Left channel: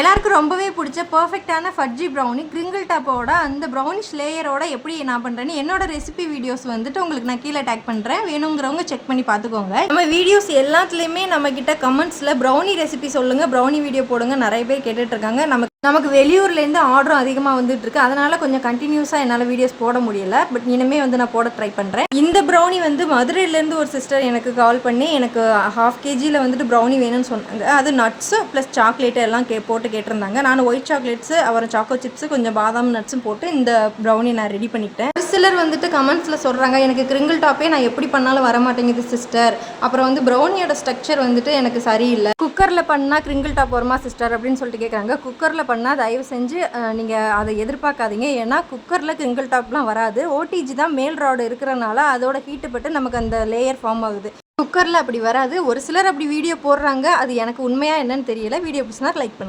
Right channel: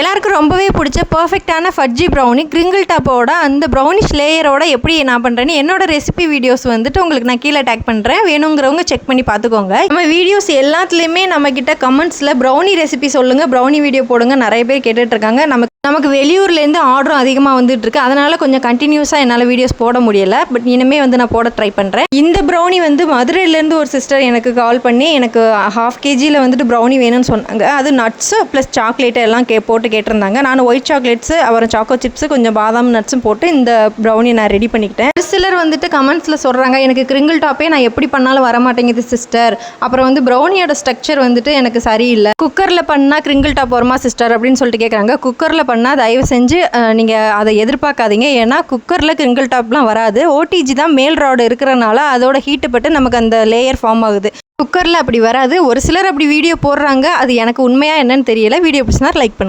எல்லாருக்கும் ரொம்பவே பிடிச்ச பர்ஃபெக்டான ஃபட்ஜி ப்ரௌனி கிரிங்கிள் டாப்போட அந்த ப்ரௌனிஷ் லேயரோட எப்படி நான் பண்ணுறேன்னு என்னோட ரெசிபி வீடியோஸ் வந்துட்டு உங்களுக்கு நான் கீழே டேக் பண்ணுறேன். வேணுங்கிறவங்க செக் பண்ணி பார்த்துக்கோங்க. நம்ம வீடியோஸ் எல்லாத்துலேயுமே நம்மக்கிட்ட கமெண்ட்ஸில் ப்ரௌனி ரெசிபி சொல்லுங்கள், ப்ரௌனி வீடியோ போடுங்க நிறைய பேர் கேட்டுட்ருக்காங்க. நமக்கு வெளியூர்லேருந்து ஆர்டரும் அதிகமாக வந்துட்டுருக்கு. அதனால் கொஞ்சம் கண்டினியூஸாக என்னால் வீடியோஸ் போட முடியலை. பட் இனிமேல் வந்து நான் போட ட்ரை பண்ணுறேன். இந்த ப்ரௌனி வந்து மதுரையிலேருந்து ஒரு சிஸ்டர் எனக்கு கால் பண்ணி எனக்கு 1/2 kg வந்துட்டு ப்ரௌனி வேணும்னு சொன்னாங்க. அது நட்ஸு ப்ளஸ் சாக்லேட்டு எல்லாம் போட்டு கேட்டிருந்தாங்க. நான் ஒயிட் சாக்லேட்ஸு அப்புறம் சாக்கோ சிப்ஸு கொஞ்சம் பாதாம் நட்ஸும் போட்டு இந்த ப்ரௌனி நான் ரெடி பண்ணிக்கிட்டேன். ஒரு சிலர் வந்துட்டு கமெண்ட்ஸில் சொல்கிறாங்க, எனக்கு கிரிங்கிள் டாப்பே நான் எப்படி பண்ணாலும் வர மாட்டேங்குது சிஸ்டர். அப்புறம் வந்து ப்ரௌனியோட ஸ்ட்ரக்சர் வந்துட்டு எனக்கு சரியில்லை. குக்கரில் பண்ணால் கிரிங்கிள் டாப் வருமா சிஸ்டர் அப்படின்னு சொல்லிட்டு கேட்குறாங்க. குக்கரில் பண்ணால் தயவு செஞ்சு நீங்கள் அதை எதிர்பார்க்காதீங்க. ஏன்னா குக்கரில் கிரிங்கிள் டாப்லாம் வராது. ஓடிஜி தான் மேல் ராடு இருக்கிறனால அதோட ஹீட்டு பட்டு நமக்கு அந்த லேயர் ஃபார்ம் ஆகுது. குக்கரில் அப்படி வராது. ஒரு சிலர் அப்படி வீடியோ போடுறாங்க. அது எனக்கு உண்மையாக என்னன்னு தெரியல. வீடியோ பிடிச்சினா லைக் பண்ணுங்க.